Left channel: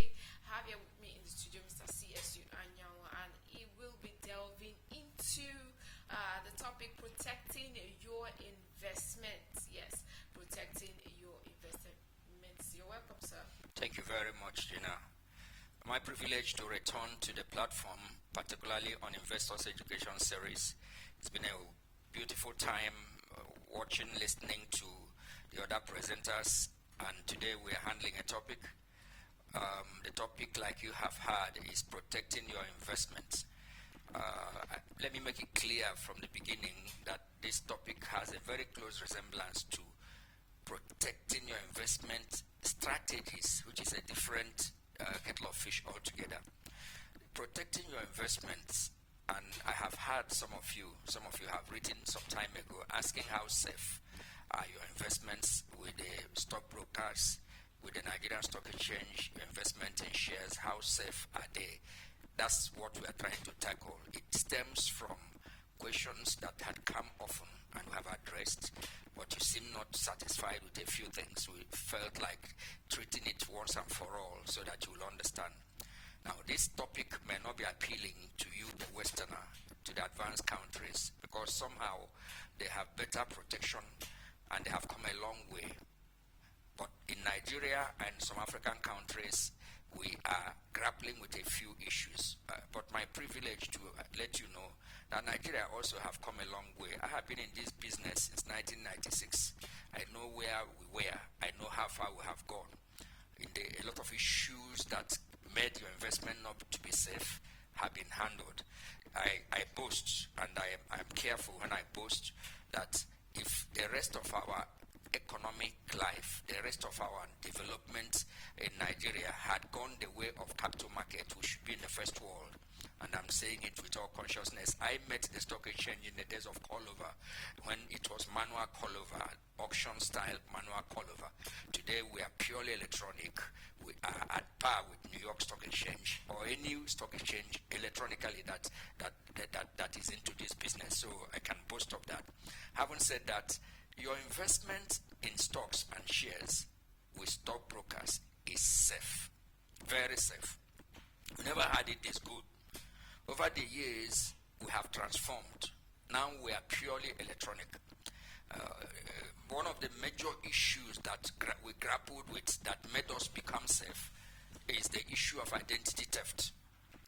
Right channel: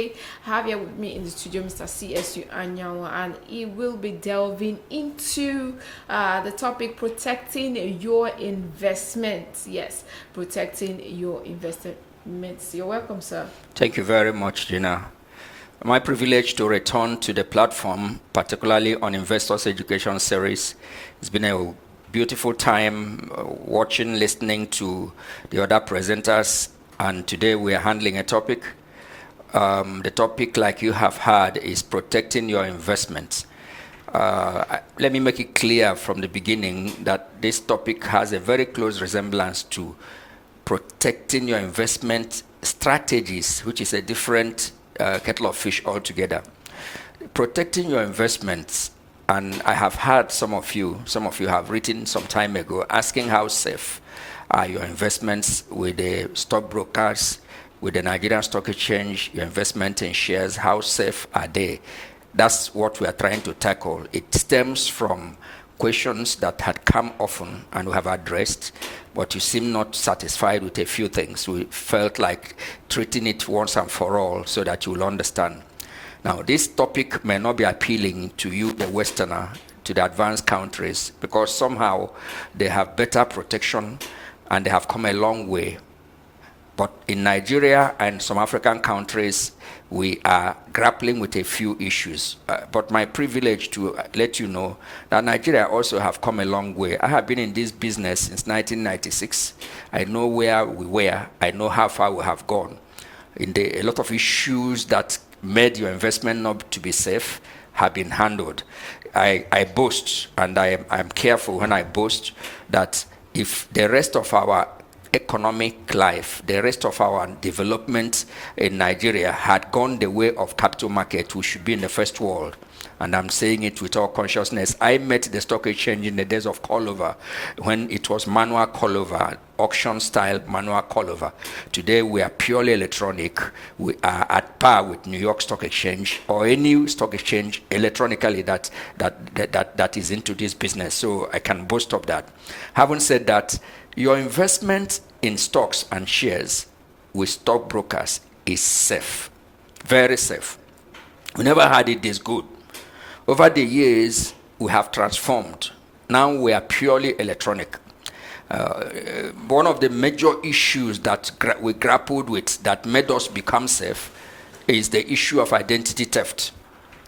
today I have here with me in the studio Mr. CSU Anyanwa, and he will be delving into the topic protecting your investments. Yes, protecting your investments. You're welcome, sir. Thank you very much, Gina. My privilege to return to the platform, particularly on Investors Education Series. It's been a beautiful time watching, listening to the other presenters, and today we are handling a topic. The topic, like you have heard, is protecting your investments. Let me make it clear from the beginning that this topic has a very close resemblance to protecting your investment strategies, which is a different kettle of fish altogether. Protecting your investments, and I have heard some of you have written some time ago asking how safe are your investments with the stockbrokers, with the Nigerian Stock Exchange, your investment in shares, how safe are they? That's what we are trying to tackle. It stems from questions that had come often and we have addressed, but you seem not satisfied with a few things. We felt like treating it once and for all so that you will understand. Now, this topic may not be appealing to you, the Westerner, to the advanced countries, because somehow they have better protection and they have come a long way. But in Nigeria and some African countries, we are grappling with a few issues. But my privilege to let you know that Nigeria also have come a long way. I have been in this business since 1996. I know where we were. I know how far we have gone. A lot of issues that made your investment not to be safe have been handled. I boast, and I'm careful when I boast, that if the rest of our economic life, the rest of our development in Nigeria had gone the way of capital market, we should be in the first world. And I'm saying it with all consciousness. I met the stock exchange in the days of callover, when it was manual callover, auction style manual callover. Today we are purely electronic. We are at par with New York Stock Exchange or any stock exchange electronically that is into this business. So I can boast of that. Having said that, your investment in stocks and shares with stockbrokers is safe, very safe. We never had it this good. Over the years, we have transformed. Now we are purely electronic. One of the major issues that we grappled with that made us become safe is the issue of identity theft.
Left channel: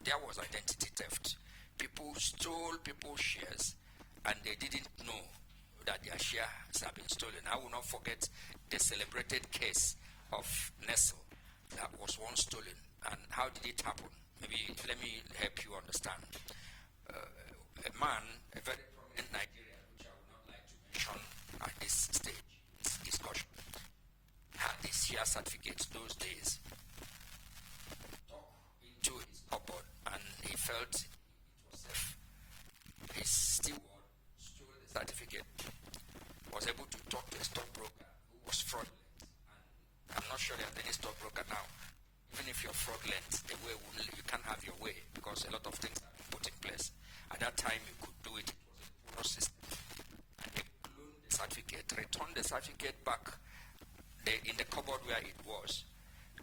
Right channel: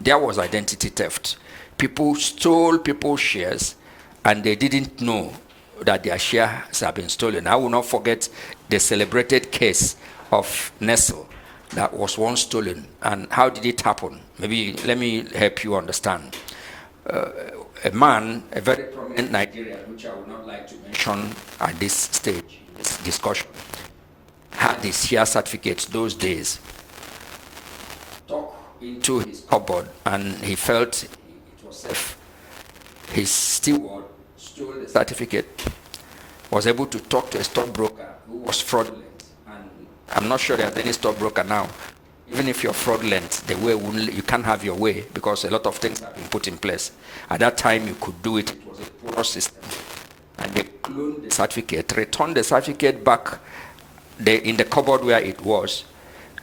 There was identity theft. People stole people's shares and they didn't know that their shares have been stolen. I will not forget the celebrated case of Nestle that was once stolen. And how did it happen? Maybe let me help you understand. A man, a very prominent Nigerian, which I would not like to mention at this stage, this discussion, had his share certificates those days, tucked into his cupboard, and he felt it was safe. His steward stole the certificate, was able to talk to a stockbroker who was fraudulent. And I'm not sure there's any stockbroker now. Even if you're fraudulent, the way you can't have your way because a lot of things have been put in place. At that time, you could do it. It was a poor system. And they cloned the certificate, returned the certificate back in the cupboard where it was,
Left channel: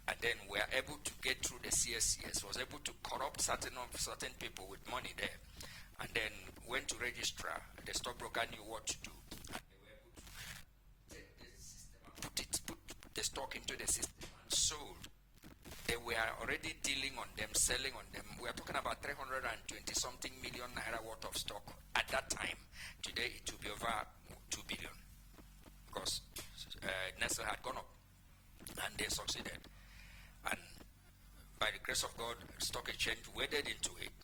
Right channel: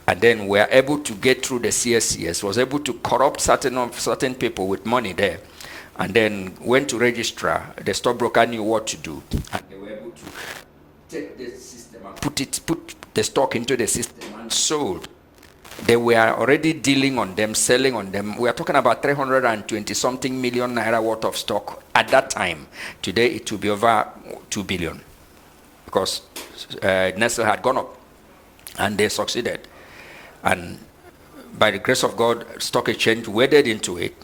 and then were able to get through the CSCS, was able to corrupt certain people with money there, and then went to registrar. The stockbroker knew what to do, and they were able to take the system and put the stock into the system and sold. They were already dealing on them, selling on them. We are talking about 320-something million naira worth of stock at that time. Today it will be over 2 billion because Nestle had gone up and they succeeded. And by the grace of God, Stock Exchange waded into it,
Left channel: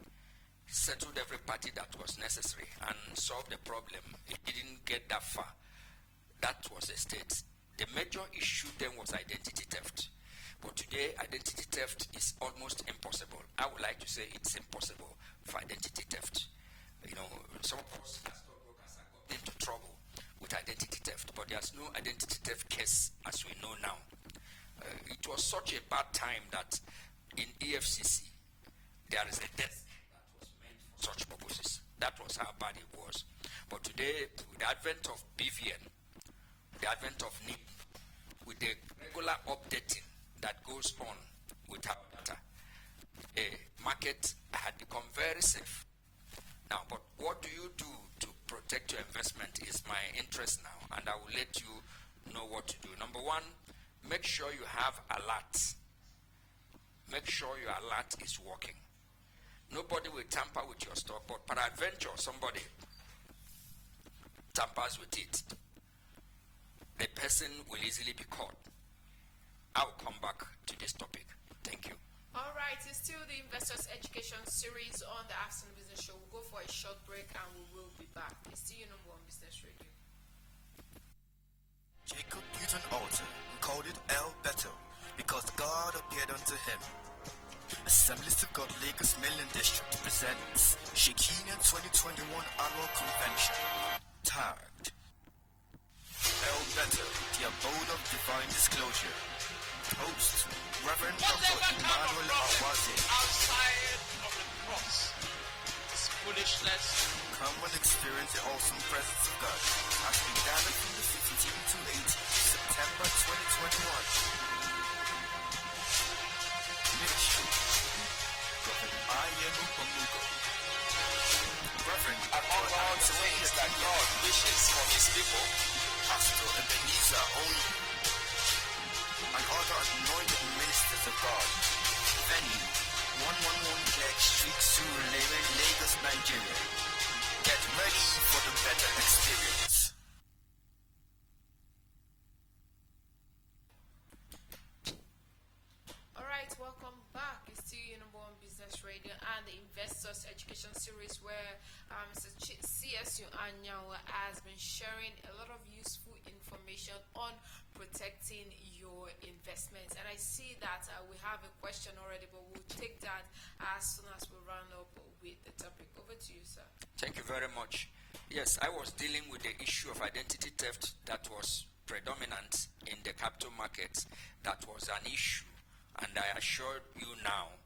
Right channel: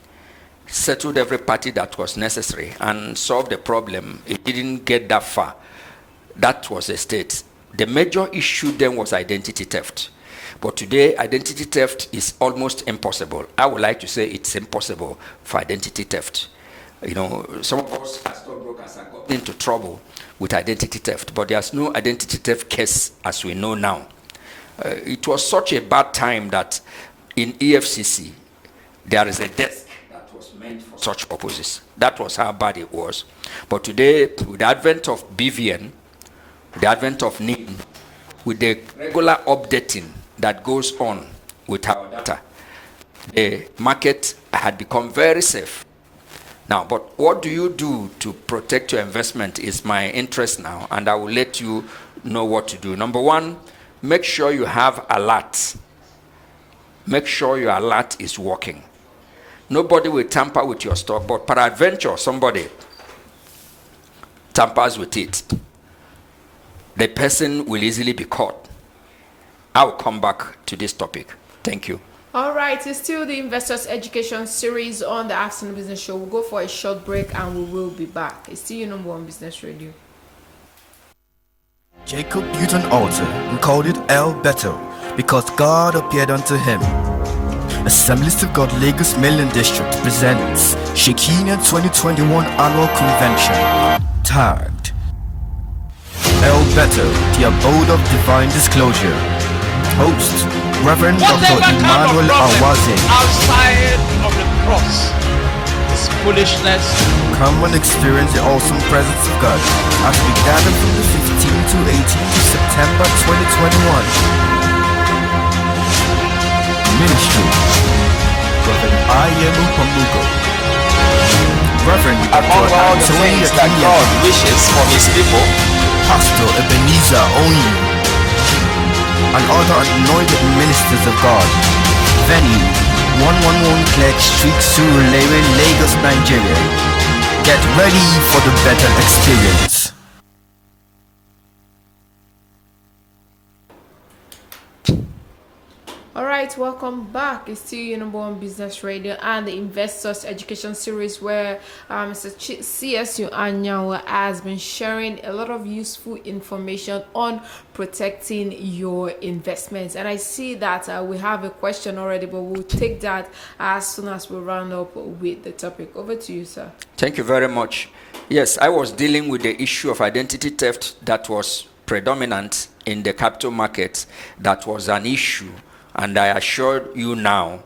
settled every party that was necessary and solved the problem. It didn't get that far. That was the state. The major issue then was identity theft. But today, identity theft is almost impossible. I would like to say it's impossible for identity theft. You know, some of us as stockbrokers have gotten into trouble with identity theft, but there's no identity theft case as we know now. It was such a bad time that in EFCC, there is a desk that was meant for such purposes. That was how bad it was. But today, with the advent of BVN, the advent of NIM, with the regular updating that goes on with our data. The market had become very safe. Now, but what do you do to protect your investment is my interest now, and I will let you know what to do. Number one, make sure you have alerts. Make sure your alert is working. Nobody will tamper with your stock, but peradventure somebody tampers with it. The person will easily be caught. I'll come back to this topic. Thank you. All right, it's still the Investors Education Series on the Afternoon Business Show. We'll go for a short break and we will be back. It's still your number one business radio. Jacob built an altar and called it El Bethel because God appeared unto him. Assemblies of God Lagos Mainland District presents Shekinah 2021 Annual Convention, tagged El Bethel, the Abode of Divine Disclosure. Host, Reverend Dr. Emmanuel Awaze. Outside of the cross is foolishness. Come and experience the awesome presence of God as we gather from the 15th to 18th of September 2021. Ministry, Reverend Ayemu Pamugo. Reverend Among Dr. all the Anthony things that Akinye. God wishes for his people, Pastor Ebenezer Onyi, and other anointed ministers of God. Venue 111 Clerk Street, Surulere, Lagos, Nigeria. Get ready for the better experience. All right, welcome back. It's still your number one business radio and the Investors Education Series, where Mr. CSU Anyanwa has been sharing a lot of useful information on protecting your investments. And I see that we have a question already, but we'll take that as soon as we round up with the topic. Over to you, sir. Thank you very much. Yes, I was dealing with the issue of identity theft that was predominant in the capital market. That was an issue. And I assure you now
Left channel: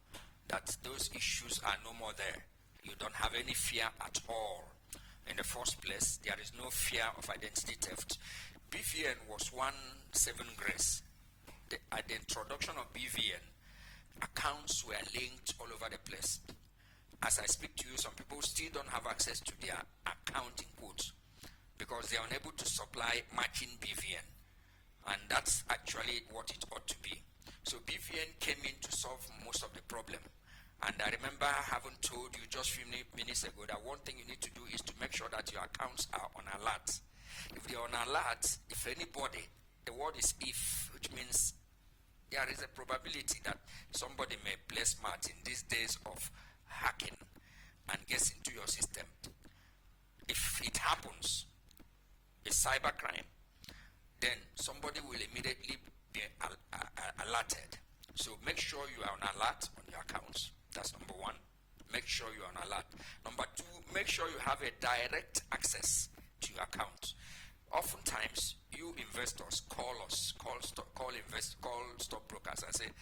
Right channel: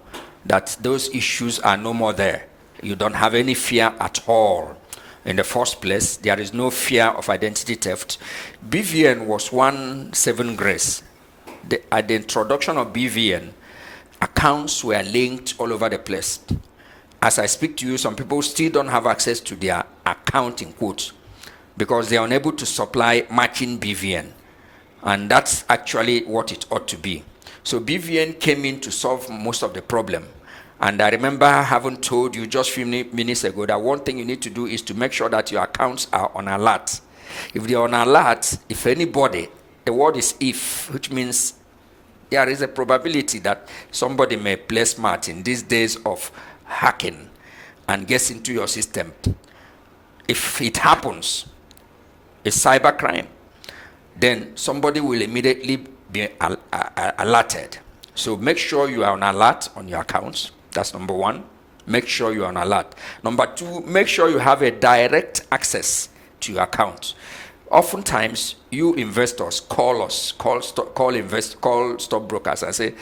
that those issues are no more there. You don't have any fear at all. In the first place, there is no fear of identity theft. BVN was 1/7 grace. At the introduction of BVN, accounts were linked all over the place. As I speak to you, some people still don't have access to their account in quotes because they are unable to supply matching BVN. And that's actually what it ought to be. So BVN came in to solve most of the problem. And I remember having told you just a few minutes ago that one thing you need to do is to make sure that your accounts are on alert. If they're on alert, if anybody, the word is if, which means there is a probability that somebody may play smart in these days of hacking and gets into your system. If it happens, it's cybercrime, then somebody will immediately be alerted. So make sure you are on alert on your accounts. That's number one. Make sure you are on alert. Number two, make sure you have a direct access to your account. Oftentimes, you investors call us, call stockbrokers and say,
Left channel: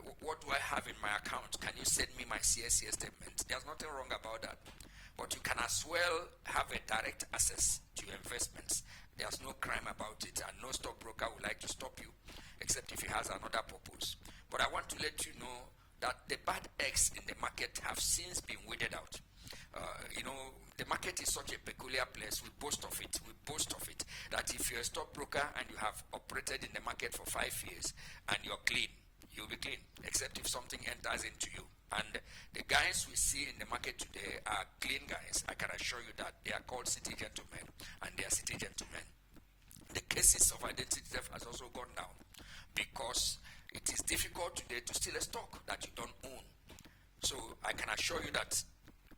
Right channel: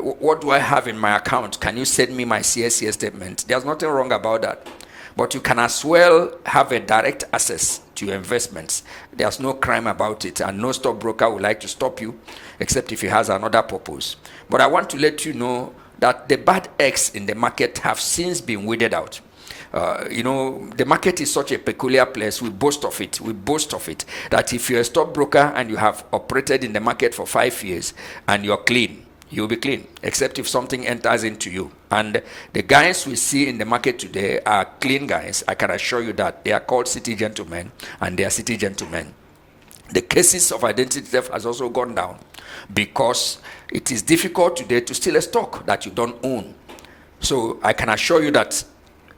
what do I have in my account? Can you send me my CSCS statement? There's nothing wrong about that. But you can as well have a direct access to your investments. There's no crime about it, and no stockbroker would like to stop you, except if he has another purpose. But I want to let you know that the bad eggs in the market have since been weeded out. The market is such a peculiar place. We boast of it. That if you're a stockbroker and you have operated in the market for 5 years and you're clean, you'll be clean, except if something enters into you. And the guys we see in the market today are clean guys. I can assure you that. They are called city gentlemen, and they are city gentlemen. The cases of identity theft has also gone down because it is difficult today to steal a stock that you don't own. So I can assure you that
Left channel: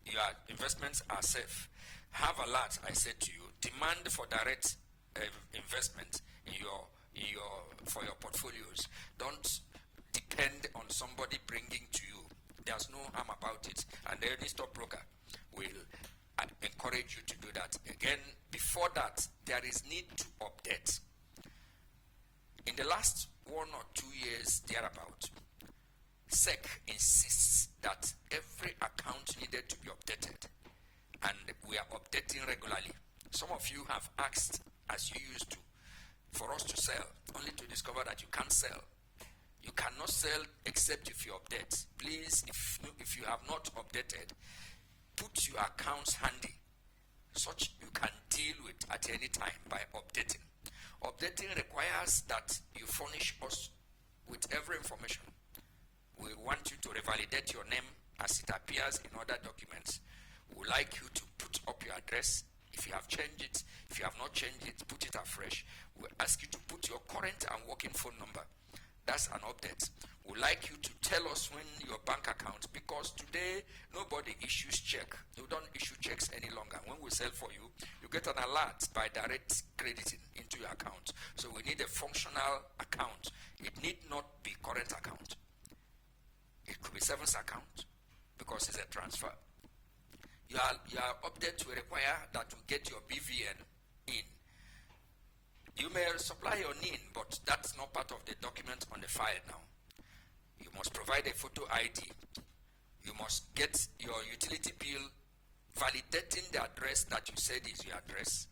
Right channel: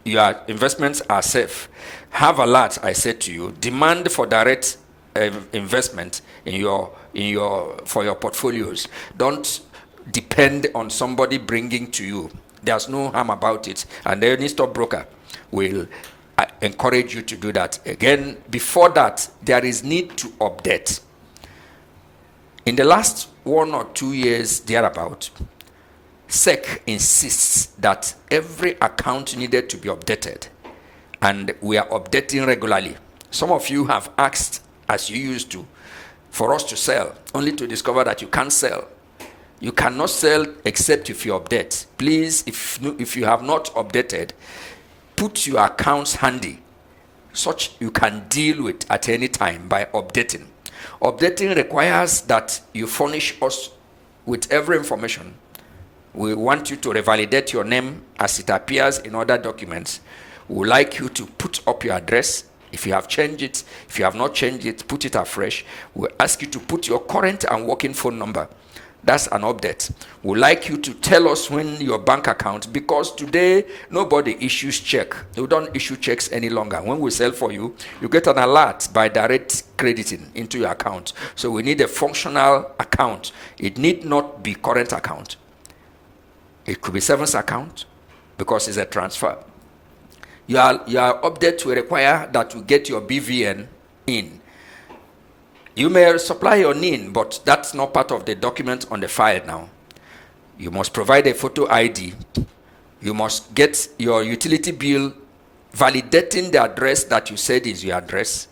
your investments are safe. Have alert, I said to you. Demand for direct investment for your portfolios. Don't depend on somebody bringing to you. There's no harm about it, and any stockbroker will encourage you to do that. Again, before that, there is need to update. In the last 1 or 2 years thereabout, SEC insists that every account needed to be updated, and we are updating regularly. Some of you have asked, as you used to, for us to sell, only to discover that you can't sell. You cannot sell except if you update. Please, if you have not updated, put your accounts handy, such you can deal with at any time by updating. Updating requires that you furnish us with every information. We want you to revalidate your name as it appears in other documents. We would like you to put up your address. If you have changed it, if you have not changed it, put it afresh. We ask you to put your current and working phone number. That's an update. We'd like you to tell us when your bank account, because today nobody issues check. We don't issue checks any longer. When we sell for you, you get an alert by direct crediting into your account. So we need a functional account. It need not be current account. It could be savings account because it's a transfer. Your update will require that you get your BVN in. You may supply your NIN, but that's not part of the document on the file now. You must provide a photo ID. You must get your utility bill validating the address that you said is your address.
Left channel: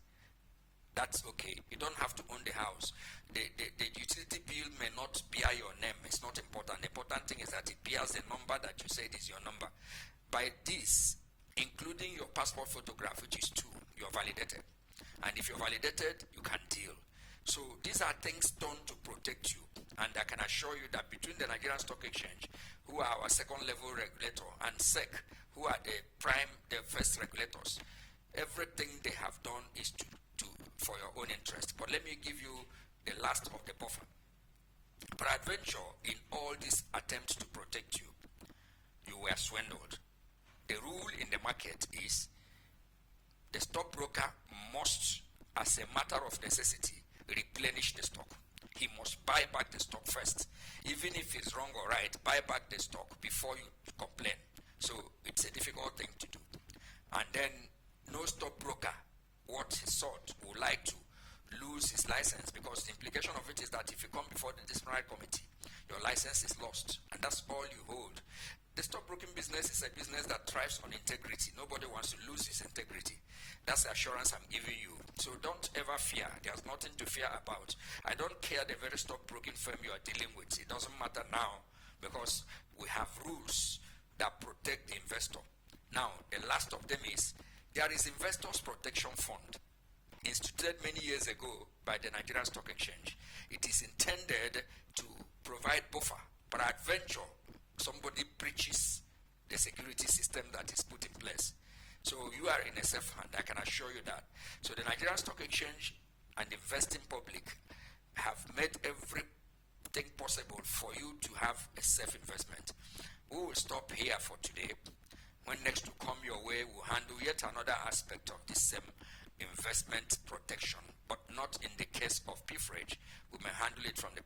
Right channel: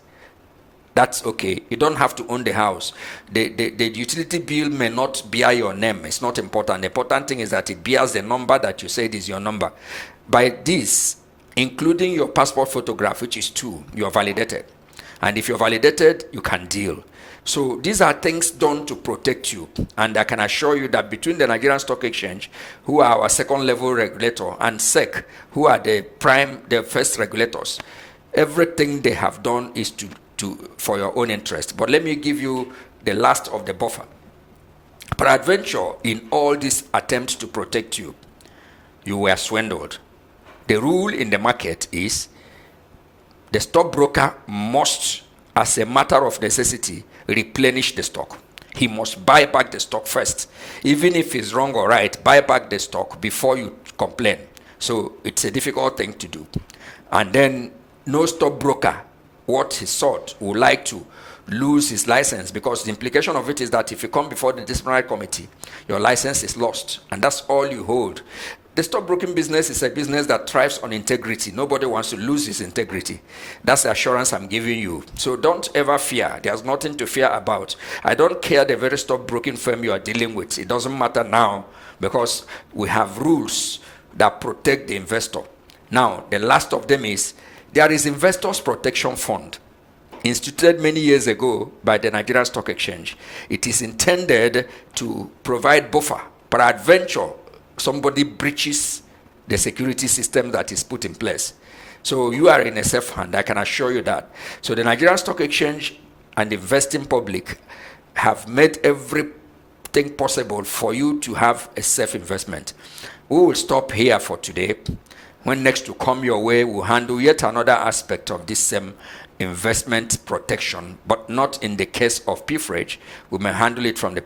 That's okay. You don't have to own the house. The utility bill may not bear your name. It's not important. The important thing is that it bears the number that you said is your number. By this, including your passport photograph, which is 2, you are validated. And if you're validated, you can deal. So these are things done to protect you. And I can assure you that between the Nigerian Stock Exchange, who are our second level regulator, and SEC, who are the first regulators, everything they have done is for your own interest. But let me give you the last of the buffer. Peradventure, in all these attempts to protect you, you were swindled. The rule in the market is the stockbroker must, as a matter of necessity, replenish the stock. He must buy back the stock first. Even if it's wrong or right, buy back the stock before you complain. So it's a difficult thing to do. And then no stockbroker, what he sought, would like to lose his license, because the implication of it is that if you come before the disciplinary committee, your license is lost, and that's all you hold. The stockbroking business is a business that thrives on integrity. Nobody wants to lose his integrity. That's the assurance I'm giving you. So don't ever fear. There's nothing to fear about. I don't care the very stockbroking firm you are dealing with. It doesn't matter now, because we have rules that protect the investor. Now, the last of them is, there is Investors Protection Fund, instituted many years ago by the Nigerian Stock Exchange. It is intended to provide buffer. Peradventure, somebody breaches the security system that is put in place. So you are in a safe hand, I can assure you that. So the Nigerian Stock Exchange and the investing public have made everything possible for you to have a safe investment. We will stop here for today. When next you come your way, we'll handle yet another aspect of this same investment protection, but not in the case of PFREG. We may handle it from the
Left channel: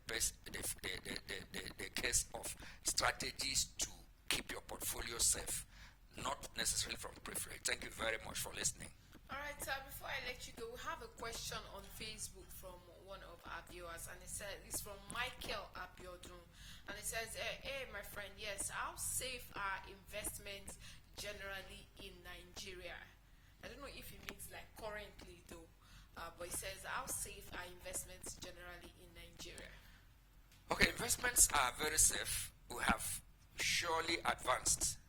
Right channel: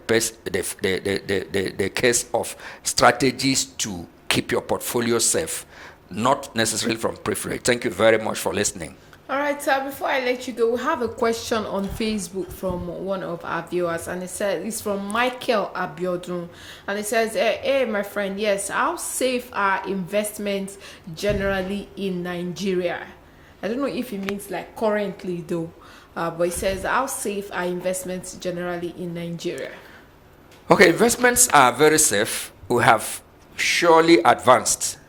case of strategies to keep your portfolio safe, not necessarily from PFREG. Thank you very much for listening. All right, before I let you go, we have a question on Facebook from one of our viewers, and it says it's from Michael Abiodun, and it says, hey my friend, yes, how safe are investments generally in Nigeria? I don't know if it means like currently though, but it says, how safe are investments generally in Nigeria? Okay, investments are very safe. We have surely advanced.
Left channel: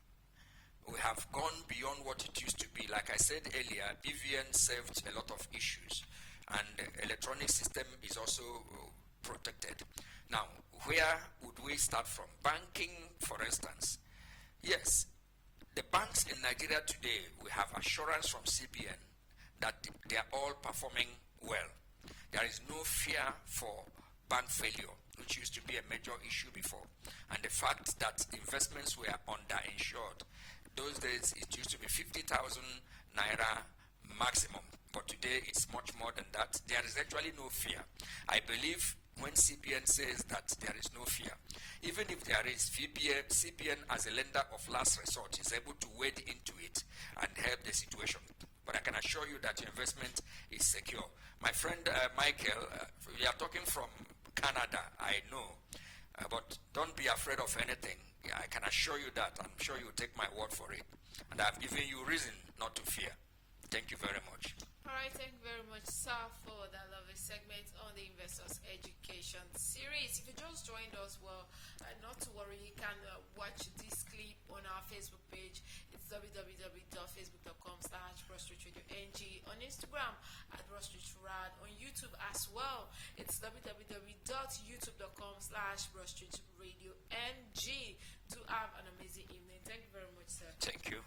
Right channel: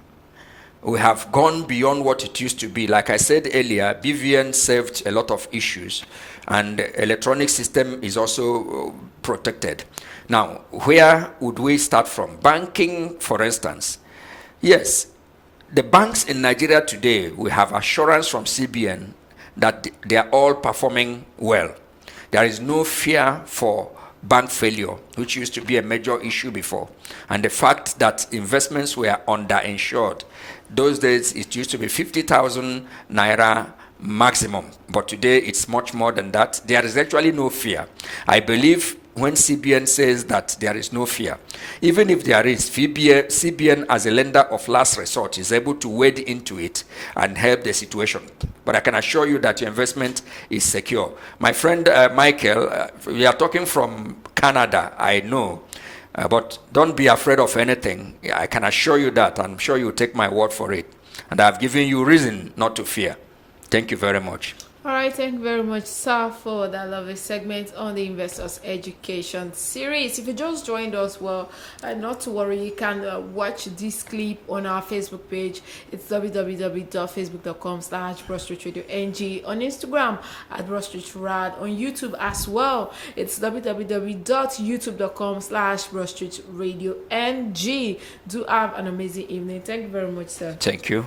We have gone beyond what it used to be. Like I said earlier, BVN saved a lot of issues, and the electronic system is also protected. Now, where would we start from? Banking, for instance. Yes, the banks in Nigeria today, we have assurance from CBN that they are all performing well. There is no fear for bank failure, which used to be a major issue before. And the fact that investments were underinsured. Those days, it used to be 50,000 naira maximum, but today it's much more than that. There is actually no fear. I believe when CBN says that there is no fear, even if there is, CBN as a lender of last resort is able to wade into it and help the situation. But I can assure you that your investment is secure. My friend Michael, we are talking from Canada, I know. But don't be afraid of anything. I can assure you that. I'm sure you'll take my word for it. And I've given you reason not to fear. Thank you very much. All right, thank you very much, sir, for that lovely segment on the Investors Education series. If you just joined us, well, not to worry, you can watch this clip on our Facebook page. It's www.facebook.com/BroadStreetRadioNG, on Instagram at BroadStreetRad, on YouTube as well. It's www.youtube.com/BroadStreetRadioNG. Do have an amazing evening. Thank you very much, sir. Thank you.